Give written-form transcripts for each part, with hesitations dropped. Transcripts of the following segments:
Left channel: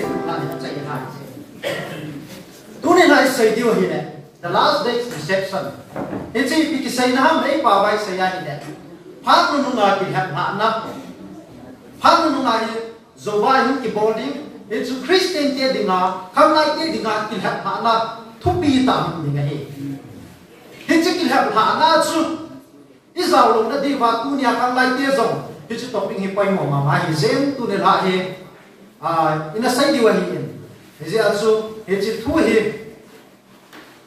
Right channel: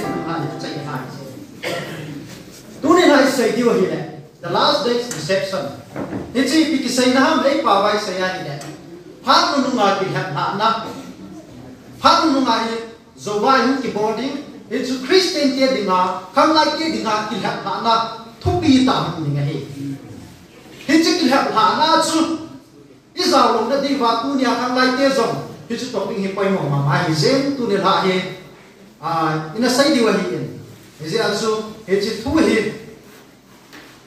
te la ni chai ha tu ni lai sei dio hi le the last day's reception in chi pi ki sai na mai pa bai sai ya ni le phang nu nga ki ha na phang nu nga hi zo wa hu ki body in chu Christian te dinga kham lai te dinga ki ha na thu pi tam ni nga hi in chi ki ha na chu Israel lo na di wa tu nia kham lai te zong hi chu topping hi pai mo ma hi zen tu ne la hi ina sai di wa hi in ji asu hi chi thu hi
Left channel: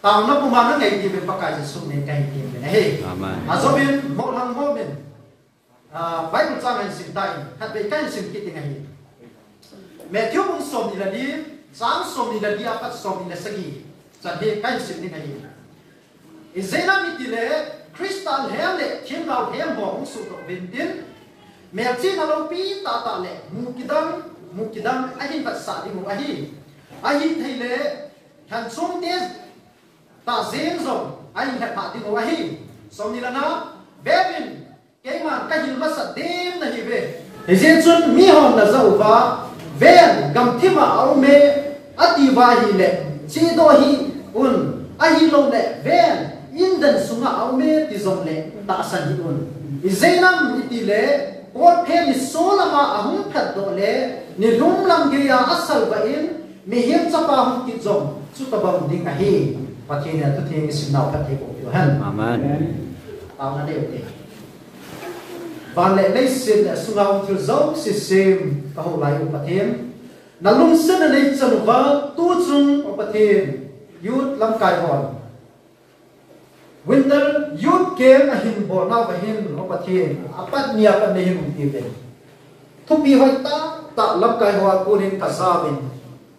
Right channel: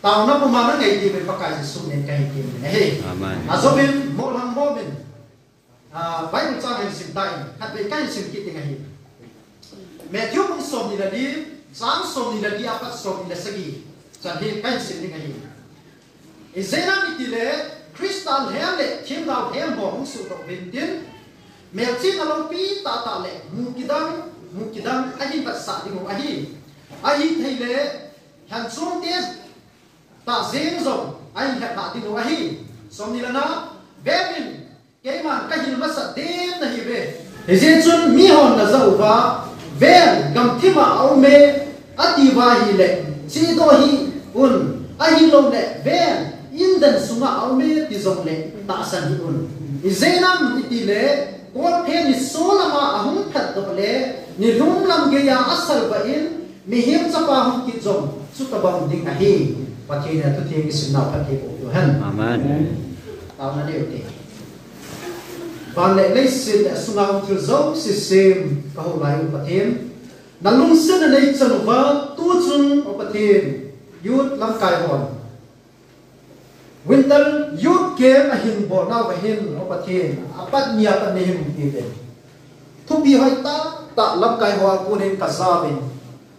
tao nó cũng mà nó ngày gì về bác cái sự nên cái gì này hey, azobin một hàng vô mình, vài một trang hình sim đại, hạt về cái sim kít tiếng này, mẹ thiếu cũng xôm đi là đi, sáng xôm đi là đi, apa xôm đi là segi, chẳng hết cái sim tiếng này, Israel mi tile, Christian hem lệ, thiên đạo hem bỏ cũng sụt vào bên tiền, mẹ chỉ là lâu pi ta lệ, mukidang, anh bắt sát đi một anh thấy lệ, hàng xuống tiền ta riêng rồi anh hẹn hạ tiếng nói hi xong như là nó bé mình cái mà cái gì nó sạch đêm là hi về thì riêng xuân mi hồn là giàu và về cầm thêm mà áo mê ati va hi lệ chỉ đôi hi ai hi lâu lệ về in đần xuống áo mê thì dòng lệ ta sẵn hi thì dễ lắm thì lệ có thêm thì số là mà không thật độ lệ thì đúng lắm cái asal vậy mi hiếm cho ba không kịp dòng chút ta bằng đinh là hi và thì là tôi thiên sinh nào phát hiện của hắn. Amen. Tao nói điều này. Và lệ lấy xin là sung ao từ dấu xin xem các hậu lại của phát hiện. Là lung sinh là lấy chân vợ tu chung của phát hiện. Yút làm cài hòn. Winter yút kém là hình bỏ nào và hình của phát hiện. Apat niya kan na hình tiêu đến. Thúc đi hỏi ta làm cài hòn của hình cả gia bình.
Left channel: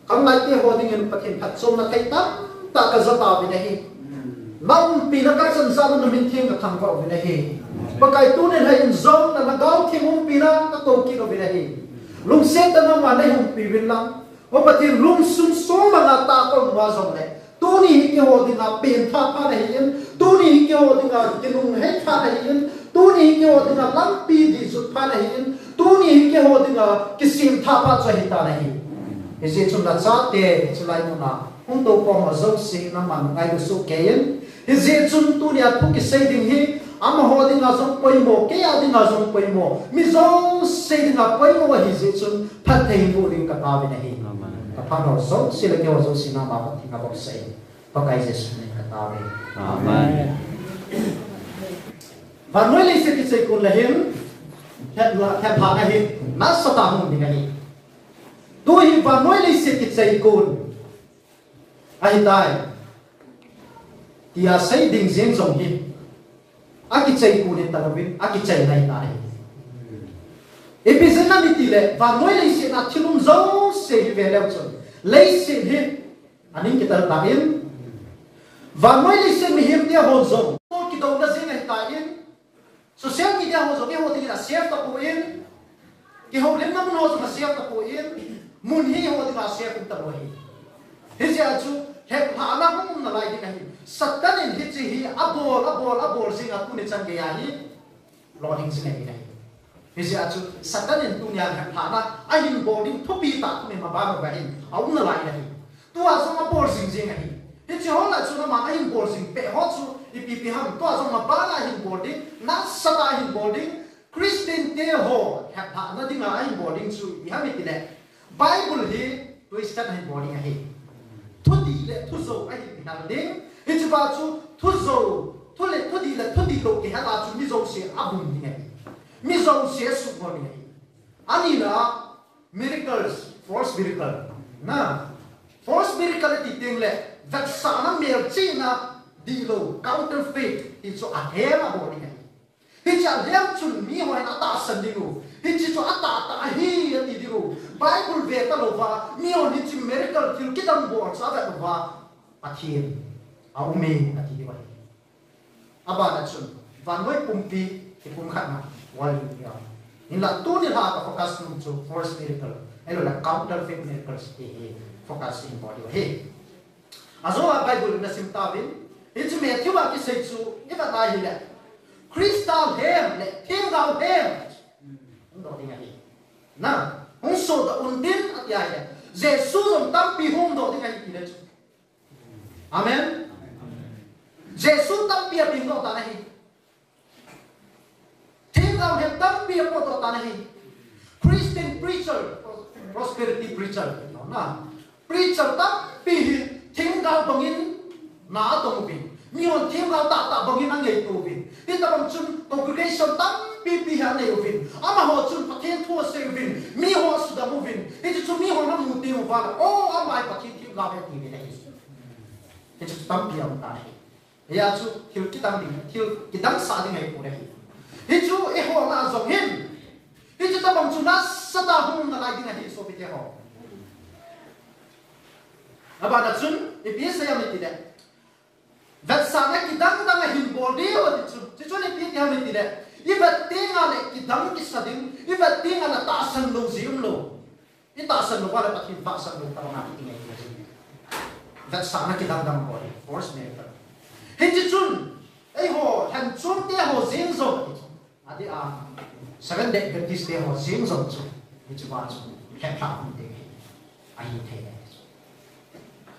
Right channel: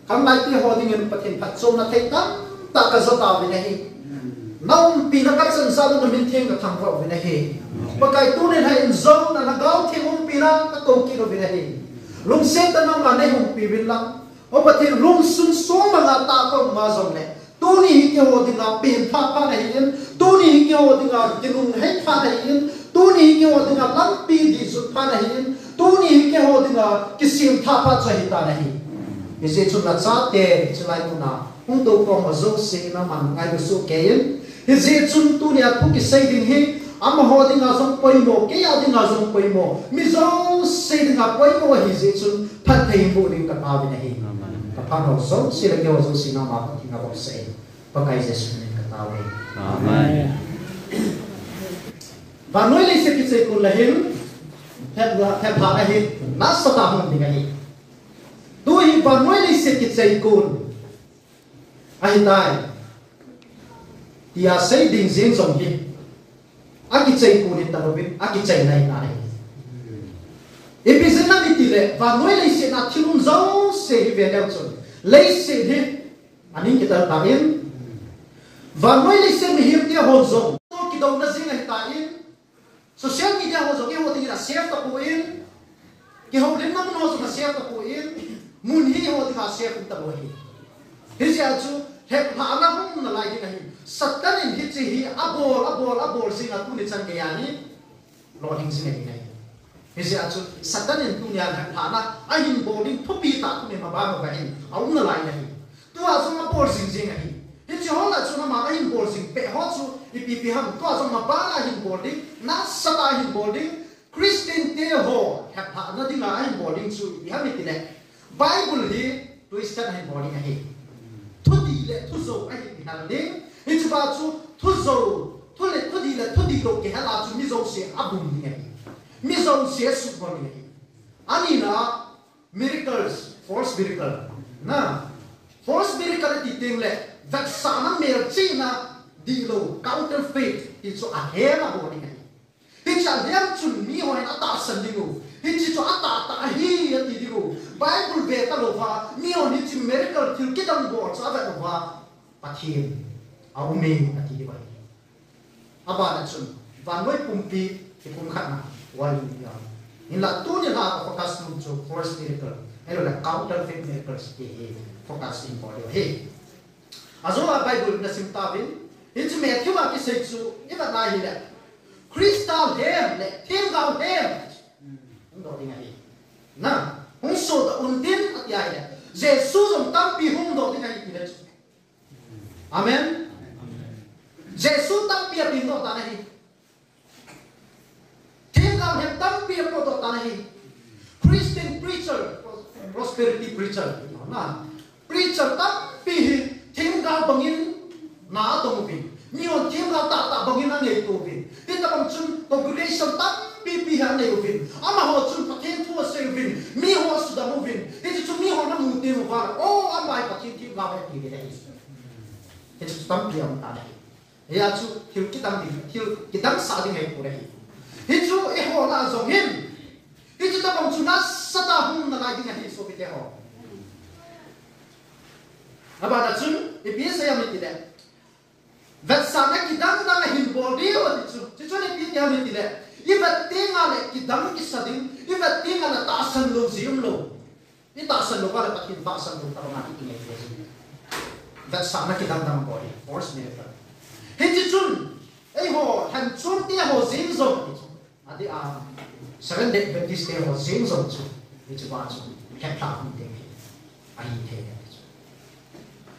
Khám lại cái hòn hình phát hiện phát chung là thấy ta. Ta ka zata vi nahi nong pi na ka san sa na min thing ka thang va vi nahi pakai tu ne hai in zong na gao thing hum pi na ka to ki ro vi nahi lung se ta na ma nei hum pi vin lang o pa ti lung sung so ma na ta ko ma zong ne tu ni ke ho ding na pen pha nahi in tu ni ke ho ding na tinung hai pha nahi in tu ni ke ho ding na lam pi ji su pha nahi in tu ni ke ho ding na kisim tha pha cha hi ta nahi ese chu na cha te chu lai mu na không tôi còn mà dốc xí nó mà ngay được số kiến thì dễ chung tu nhà thu cái xây đình hi ama họ đi ngào giống quay mồ cái ao đi ngào giống quay mồ mi giống xây đình ngào quay mồ thì dễ chung phát thầy mồ đình cả bao bên này cả bao nó giống xí là cái giống xí nó mà thì ngào bọc xây và cái dễ chung cả bao bên amen và nói lấy sự cái xây cũng là hiếm theo phá là hiếm nát sao ta không đi ngay tôi và nói lấy sự cái xây cũng ai tai thì xây đình riêng dòng hi aki chạy cù đi tàu vin aki chạy này này episode này thì lệ và nói lấy sự là thiên lung giống sẽ về đâu rồi lấy sự hi anh ấy kita ta in và nói lấy sự hi hiểm dia hồn giống tôi kita udah riêng này ta in social media hồn giống cái hồn thì là share tập in cái hồn đến năm nó mà share tập in muốn hi hồn thì là share tập in thế giờ chú hẹp hạ na không là lại cái này satan in hit gì abol sinh aku ni chân cái này lo hình sinh cái này thế giờ chú satan in tu nhà hẹp hạ na anh in body thu pi ta tu ni mà ba cái này ông là lại này tu à xong abol sinh này thế chứ họ là chú nó mà anh in bol sinh pe họ chú ipi ham tu à xong mà ba là in body na sata in body Christian te ho hẹp hạ na tiếng anh in body chú ipi ham itu deh Bible hi tuliskan in body này thu đi lệ thu dầu anh bị nặng đến hiện chú ba chú thu dầu thu lệ thu đi đâu cái là chú mi dầu sẽ áp dụng như này mi dầu sẽ sụp vào như này anh là miracles false miracle na false miracle thì tiếng lệ đặc sản nó mèo chi na đi đâu counterfeit thì chú ăn hé là bộ này thì chẳng hé chuẩn mi hoài nó ta sân đi đâu thì chỉ cho ta hi thì đi đâu Bible về ta đâu và nhiều những chuyện miracle thì cái đồng bộ cho vậy đâu và ta thiên ao mê ta thì vậy aba là chuẩn và nói cùng pi thì cũng khác nào why you in là tu ni ha focus mung cho first miracle elo là counterfeit miracles thì focus in body he azo Bible na simtavin itu Matthew la ki sei chu iba na hi le crystal hem le thiên đạo hem đó đi ngay na hong so da undin at yai le Jesus ông tâm pi hung đồ thì cái gì đấy. Amen. Jesus tâm pi pi đồ ta này. Thiên ông hem tâm pi đồ ta này. Christian preacher, prosperity preacher, na preacher tâm pi thiên cao bangin na to mo Niyon thiên cao ta bangin ang ngay tubin. Kita bang chun congregation tam pi han ngay tubin. Ama ho chun pathen thua se tubin. Mi ho sudah movin. Itu chun mi ho na muti mo par. Oh amai pathen tiu lawe ti ni dai. Itu tam pi ang ta. Ya chu hiu kita sa ding ngay pura hi. Itu ho na zong hin. Itu ta bang chun na sada hum na lai ding hi so pi te ho. Aba na chun biasa yang ni tidak. Vet sana kita hin body itu ni pi dia ni tidak. Ibat tinggal kita kisading, ibat tinggal tasan lo zium lo. Ini tasan lo pada pakai tasan lo kalau nanti ini dia. Vet sana kita body, force miracle. Hindi chun, ho, han chun dia ho zing zo. Adi 7 day Baptist day ho zing zo chu. Itu macam kepla ni deh. Ahi teh.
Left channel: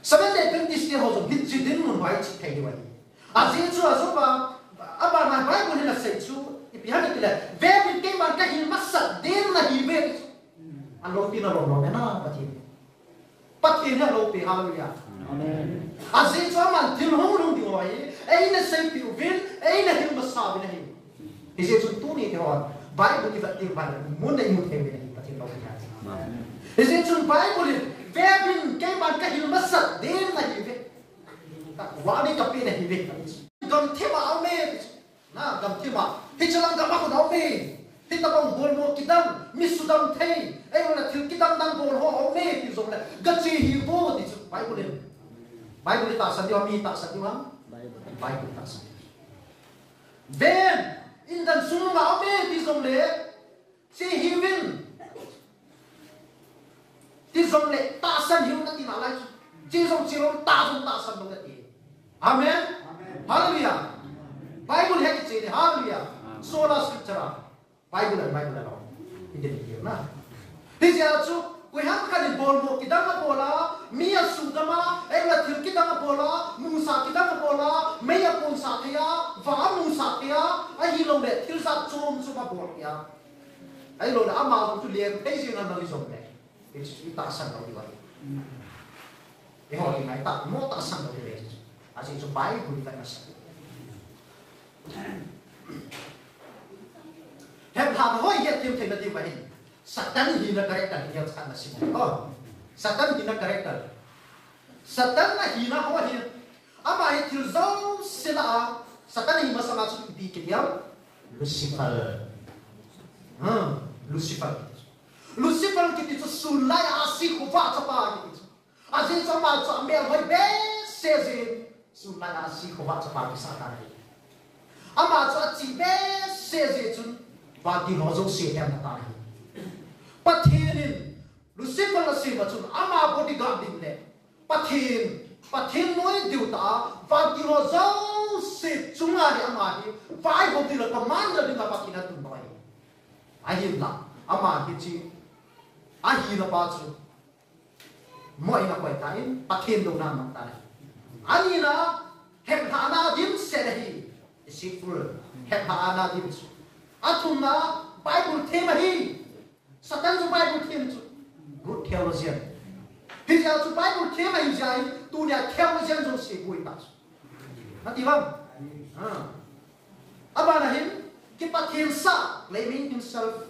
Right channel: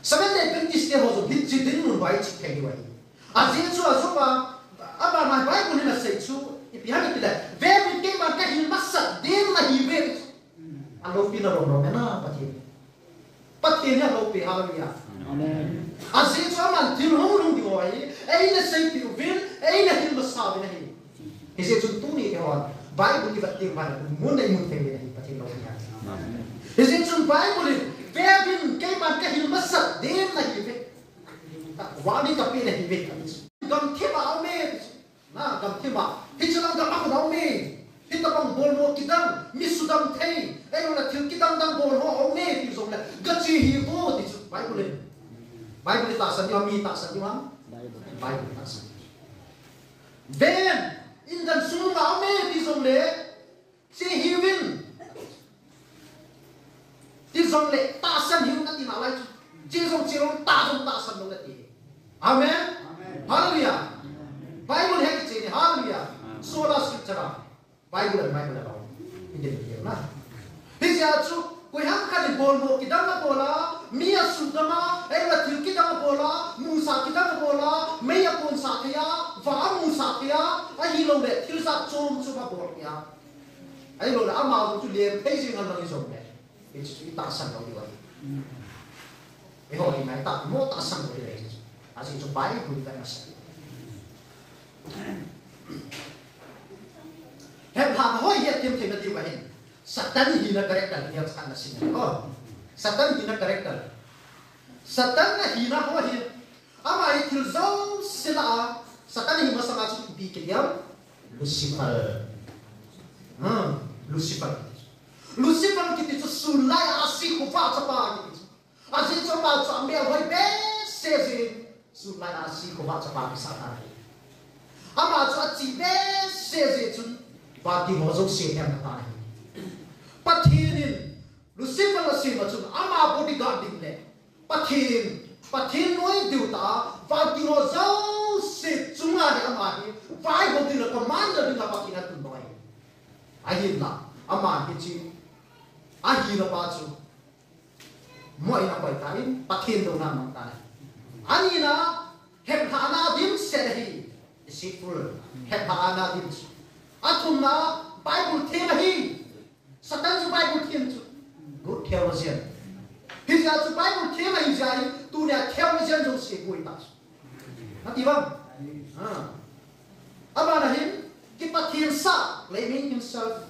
7 day Baptist day ho zo hitji din mun wai chi teh wai. Azin chu azupa aba na Bible ni na sei chu ipihan ipila ve bin man ka hin masat din na hi ve alo pina ro no na pati ni alo pi hallelujah amen azin chu man tin hong rung di wai ei na sei pi vin ei na hin masa bi na hi hise chu tu ni ho Bible ni va ti ba mun na mun te ni pati lo ya amen hise chu Bible ve bin man ka hin masat din na hi ve wani ka pi na hi ve gam thema ame na gam thema hichalang gam ko ame hitabang bol mo kitang misudam thei ai la thil kitang dang bol ho ame pi zong la gachi hi bo ti Bible ta sa diwa mi ta sa diwa Bible ta sa then in dan sung na ame pi zong le si hi win ti zong le ta san hi na ti na lai chi zong ta san lo ti amen. Hallelujah. Bible hai che hallelujah. Sola scriptura. Bible la. Inde ni na. Disia chu koi ham ka ni bol mo kidang na bola, mia sugama, ela thil kidang na bola, musa kidang na bola, meya pon sa kya, va musa kya, ai lo me thil sa chom chu ba bol kya. Ai lo la ama tu le pe sing na ni zom le. It's ita san lo di ba. E ho ni mai ta mo ta san lo di le. Asing itu baik bukan nasi. Hem ham hoi ya tim tim nanti bahin. Satan hina karakter dia sekarang nasi. Oh, Satan hina karakter. Satan hina hoi. Ama itu zon sila. Satan hina masa masuk di dia Lucifer. Lucifer kita itu sulai asik kuat apa gitu. Asik sama ambil hoi sezin. Sulai asih ko baca pagi sakari. Ama cho chi be se chun ba di mo zo se ya na ni. Pathin Lucifer la se ba chun ama body guard ding le. Pathin noi diu ta ba di mo zo se chunga ni ama di vai ho di la commander ding ba kina tun ba. Ai la ama ki chi ahi la ba chu. Mo ina ba tain pathin do na ma ta. Anina hepana dim sehi siful hepana dim atumna Bible thema hi Satan ju Bible thema chu good theologian hija chu Bible thema hi jai tu le theologian jo se koi ta nati bang abana him kita thensa claiming himself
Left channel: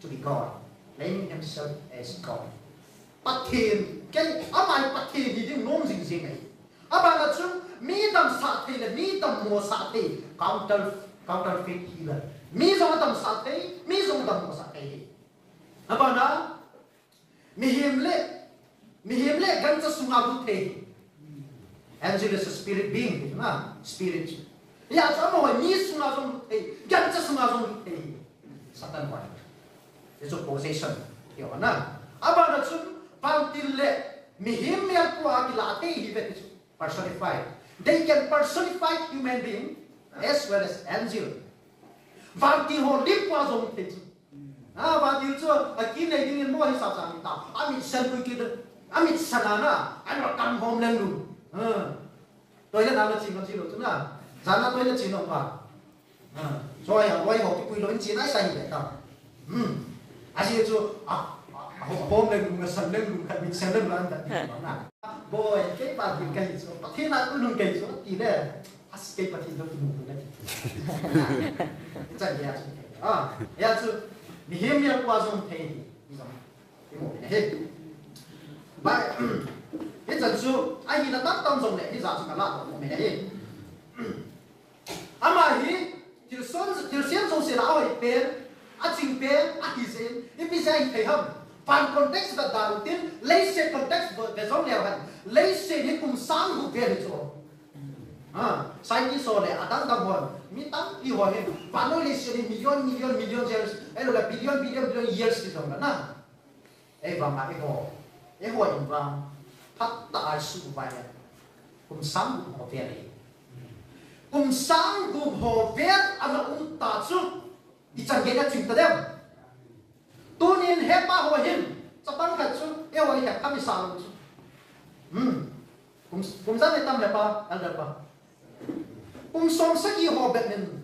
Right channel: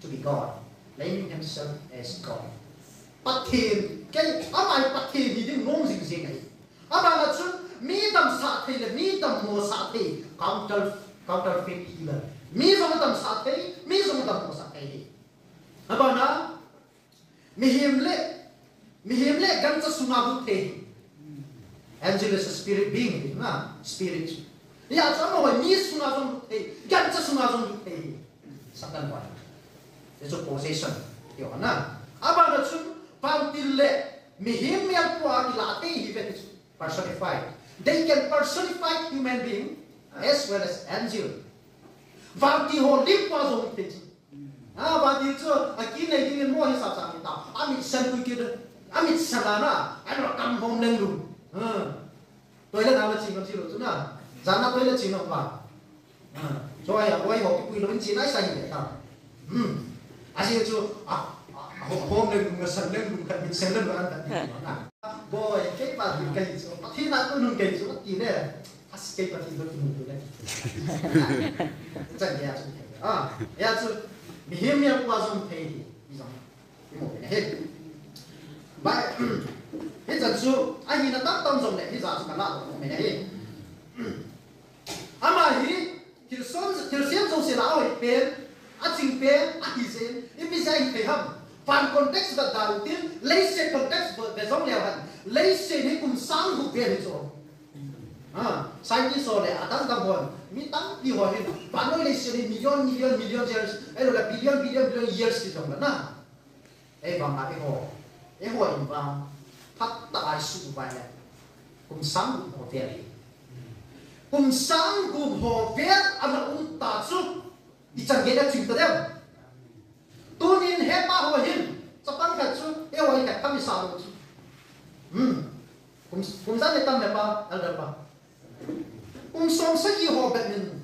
to be God, claiming himself as God. Pathin cái amai pathin hi ding nom jing jing ai abana chu mi dam sa the le mi dam mo sa the counterfeit healer mi zong dam sa the mi zong dam mo sa the abana mi himle gan cha sunga bu the angel is a spirit being na spirit ya cha mo mi sunga zong the gan cha sunga zong the satan wa it's a possession yo na abana chu pantille mihim yang puak ilate hi personified. They can personify human being as well as angel. Vamti ho lip was on it. và điều cho cái này thì mua hết sao sao mình tao amit sen kui kia amit sanana anh nó cầm hồn lên luôn tôi là nào là chỉ được chứ nào giá nó tôi là chỉ được mà rồi tôi học cái quy luật chỉ nói sai vậy tao anh điều cho hồn lên luôn sen lên luôn cái mình sen lên luôn cái boy cái bà thì cái chỗ thì nó cũng không cái chỗ thì nè cái bà thì nó cũng không cái chẳng hạn ya chứ mình hiểu mình qua dùng thấy đi cái một cái hết vậy hết giờ chứ anh nhìn nó tông dùng này hết giờ chứ cả lát mình hết mà thì xem dùng xe lão ấy bên chính bên anh xem bây giờ anh thấy không phần context là đầu tiên lấy xe context về giống leo hẳn lấy xe để cùng sáng hụt về được rồi sai như số này đang cầm hồn mình tăng đi hồi hết bạn nói lấy xe đi million years ấy là billion years thì giống đó ấy vào mà cái hồi vào thắt đại sự vậy cùng sáng hụt về đi cùng sáng hụt về anh là ta chút đi chẳng cái đó chịu được tu nên hết ta hồi hin cho tăng cái chút cái hồi cái tâm sao cùng ra để tâm là ba anh là ba cùng sống sẽ gì họ biết mình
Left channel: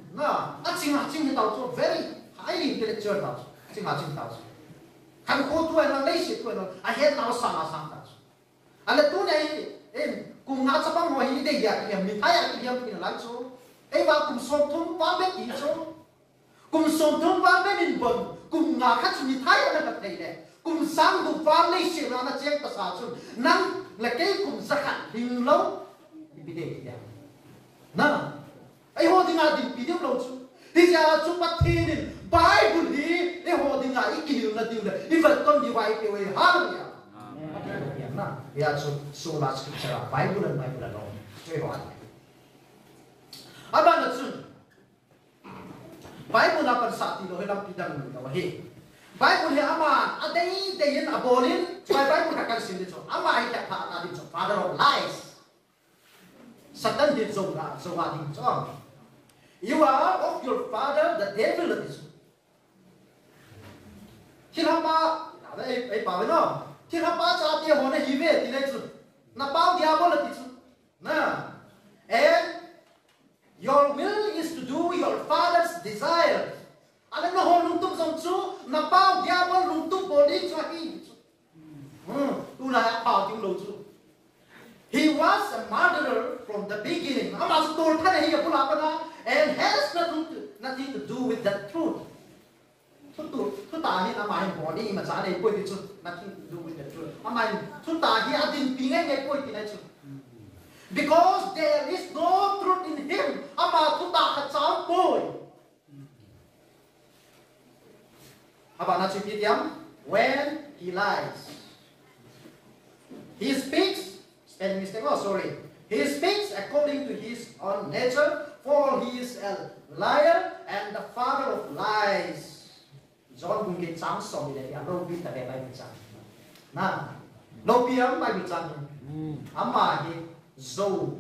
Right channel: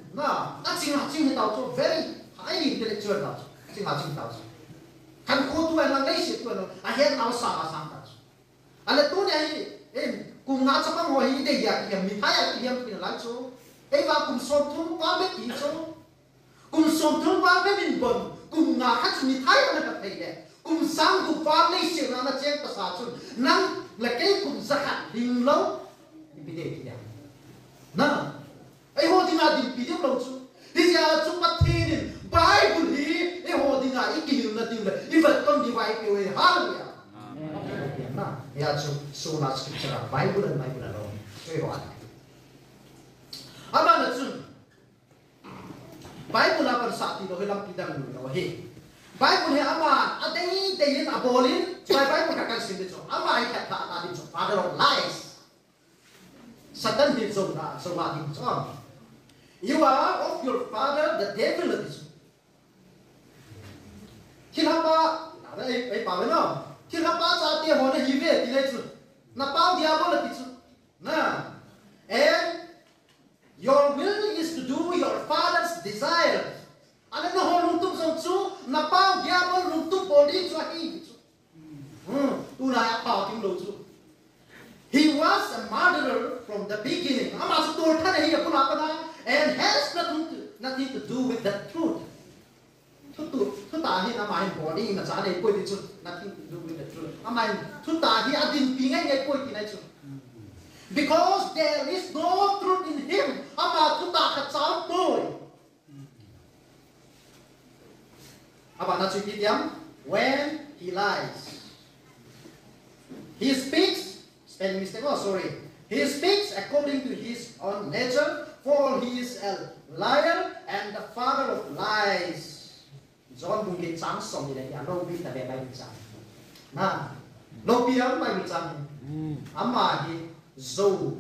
chính tao cho very highly intellectual tao chính tao kan khô tu là lấy sự tu là hết tao sang tao anh là tu này em cùng ngã cho bằng hồi hi để ya mình thấy là em mình lại cho em vào cùng sống thung ba biết gì cho cùng sống thung ba biết mình bận cùng ngã khác mình thấy là cái này đấy cùng sáng cùng vào lấy sự là nó chết ta sao chứ năng là cái cùng rất hẳn hình lâu bị để gì nè ấy hồ thì ngài định bị tiếp lâu chứ đi ra chúng ta thi đi Bible thì ấy hồ thì ngài ý kiến là điều này đi vật con đi vay kiểu ấy hallelujah nè ya sola scriptura Bible là đâu cái gọi apa là chứ Bible là phần sát thì đâu làm pidang đâu hết Bible thì ama ở đây yên abolin Bible các cái sinh cho ama ai các ta đi cho father of lies Satan did so what he done. You are of your father, the devil is. Khi họ ba, ấy bảo với nó, khi họ ba ra tiền họ này về thì lấy chứ, na bao diablo là chứ, na, and your will is to do your father's desires. Anh nó họ lung tung xong chú, na bao diablo lung tung body cho hi, tu là bảo tiếng đầu chú. He was a murderer from the beginning. And has nothing to do with the truth. Nothing to do with the truth. Because there is no truth in him. When he lies, he speaks. Spelling mistake. Oh, sorry. He speaks according to his own nature, for he is a liar and the father of lies. John cũng cái sáng sớm như thế, lâu biết là về bài bình sáng. Na, lâu biết bài bình sáng. Ama thì dầu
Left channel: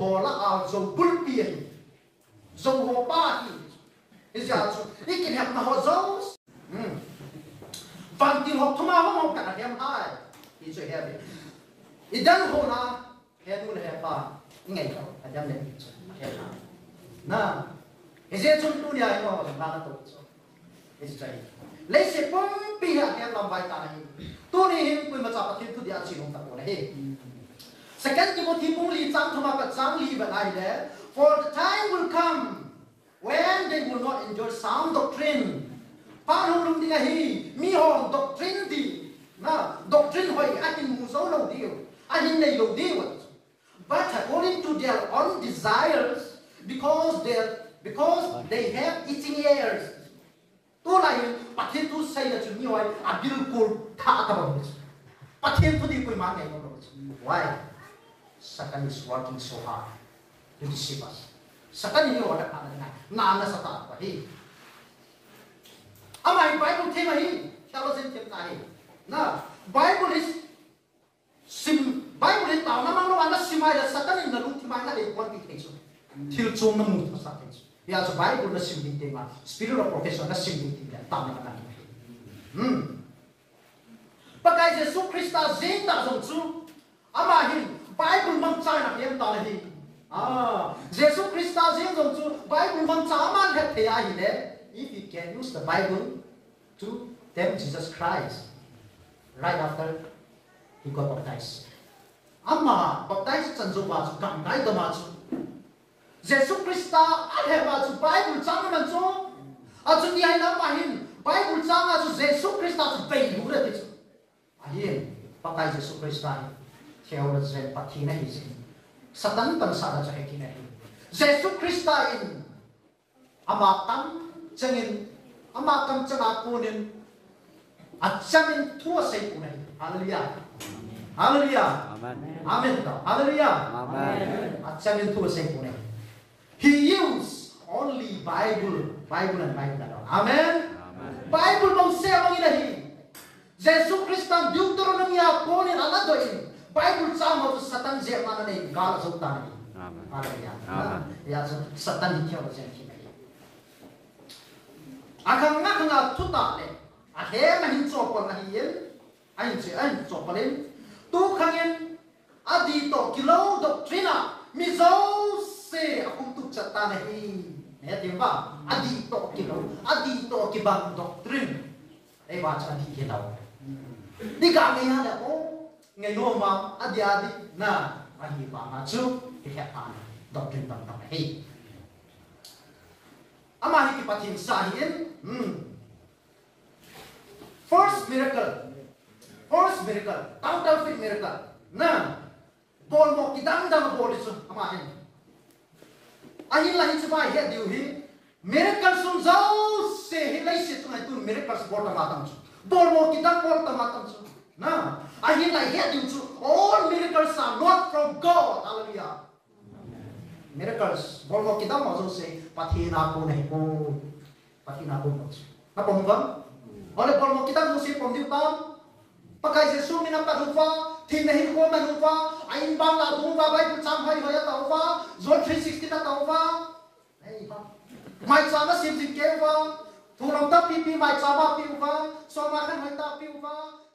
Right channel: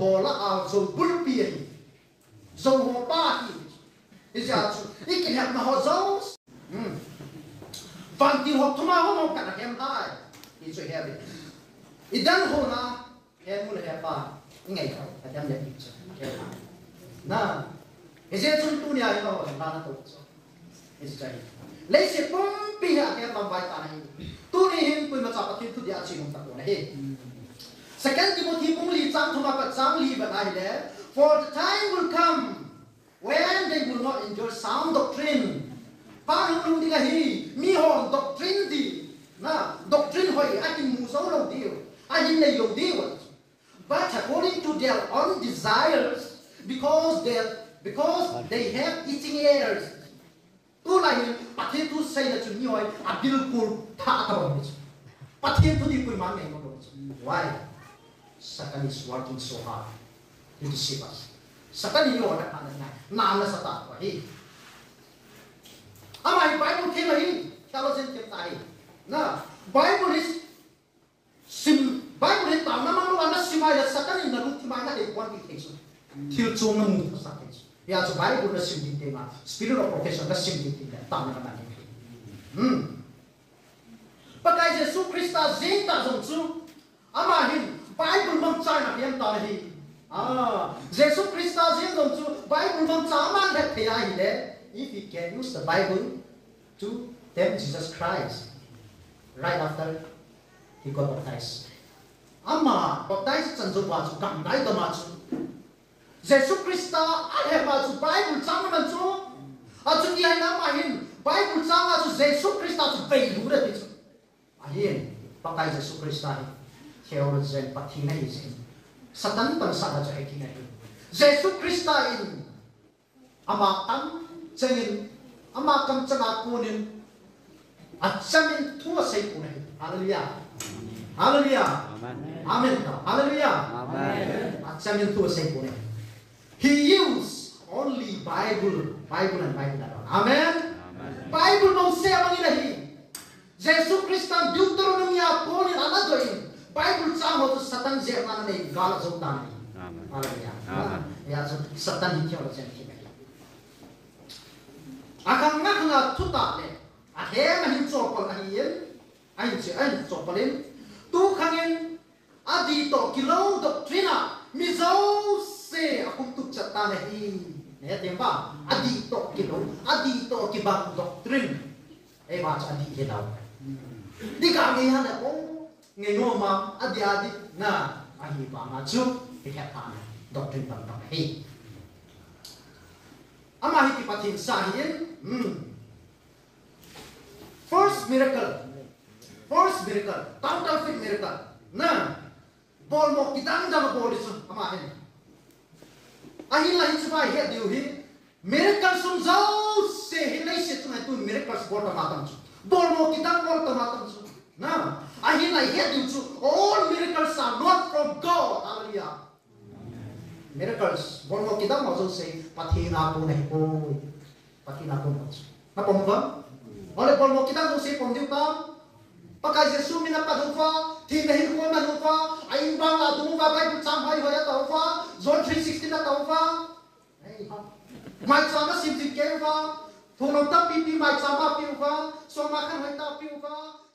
hồ là dầu bul bia, dầu hồ ba thì, bây giờ ý kiến hẹp mà họ dầu. Vàng tiền họ thua họ cả cái hai, ý chơi hẹp. Idan hona he mul he pa ngai ka adam le picture na eze chun tu nia ino na na to is chai le se pom pi ha ke tam bai ta ni tu ni him ku ma cha pa kin tu dia chi mong ta ko na he second Timothy pung li chang thuma pa chang li ba nai le for the time will come when they will not enjoy sound doctrine pa hung lung di hi mi hon doctrine di na doctrine hoi akin mu zo lo dio but according to their own desires, because they have itching ears. Tu lại bắt thiên tu say là chúng nhiều ai abil kur tha ta bom. Bắt thiên tu đi quỳ mang ngày bom. Why? Satan is working so hard to deceive us. Satan ini orang na sata apa hi? Amai Bible thema hi, kalau sen tem tahi. Na Bible is Bible itu nama anda simaya Satan ini nalu timanya dari kuat di tesu. Til cuma nunggu pasal tesu. Ya Bible itu sim di tema. Spirit of profession anda sim di tema. Tahu mana ni? pakai Yesus Kristus zeta zongsu amahin Bible mangsa na yang tahi Yesus Kristus yang zongsu Bible mangsa aman het thea hi if you can use the Bible to tell Jesus Christ right after he got baptized ama baptized chanzu ba chu gam dai da ma chu Yesus Kristus ada ba chu Bible chang man chu a chu ni ai na mahin Bible chang a chu Yesus Kristus bei lu da chu ahin pakai Yesus Kristus theologian pathina hi satan tam sa da chai thina hi Yesus Kristus in ama tam changin ama kam changa punin achamin thua sei punai hallelujah hallelujah amen amen hallelujah amen achamin thua sei punai he used only Bible and Bible amen Bible bang se bang ilahi Jesus Kristus Deuteronomy punin ala doin Bible chamo to satan je na ne gal jota amen hallelujah amen ya satan hi theologian hi agang nga tuta le ahem hin chopol na hiyen ain che ain chopolin tu khangin adi to kilo doctrina mizo se akum tu chata ne hi ne temba adi to kibang doctrine e ba cha di helao di ka ngi na o ngai no ma adi na ahi ba ma chu hi kha ta doctrine bang bang hi ama hi ki pathin sa hiyen first miracle, counterfeit miracle. Na, bol mo kitang dam bol isu amahin. Ahin lahin cuma hiat diuhi. Miracle sun jauh se hilai se cuma itu miracle bol tamatam su. Bol mo kitang bol tamatam su. Na, ahin lahin hiat diuhi. All miracles are not from God. Hallelujah. Miracles bol mo kitang mo se pathina pun ko, pathina pun mo. Apa mungkin? Oleh bol kita mesti pemdiutan, pakai Yesus mina padufa, tidak hirko padufa, ain bang la dufa, Bible sampai hoya taufa, John 3:16 na taufa, mai sama simsi keva, turun tapi pi mai sama piufa, so makan hai tapi ufa,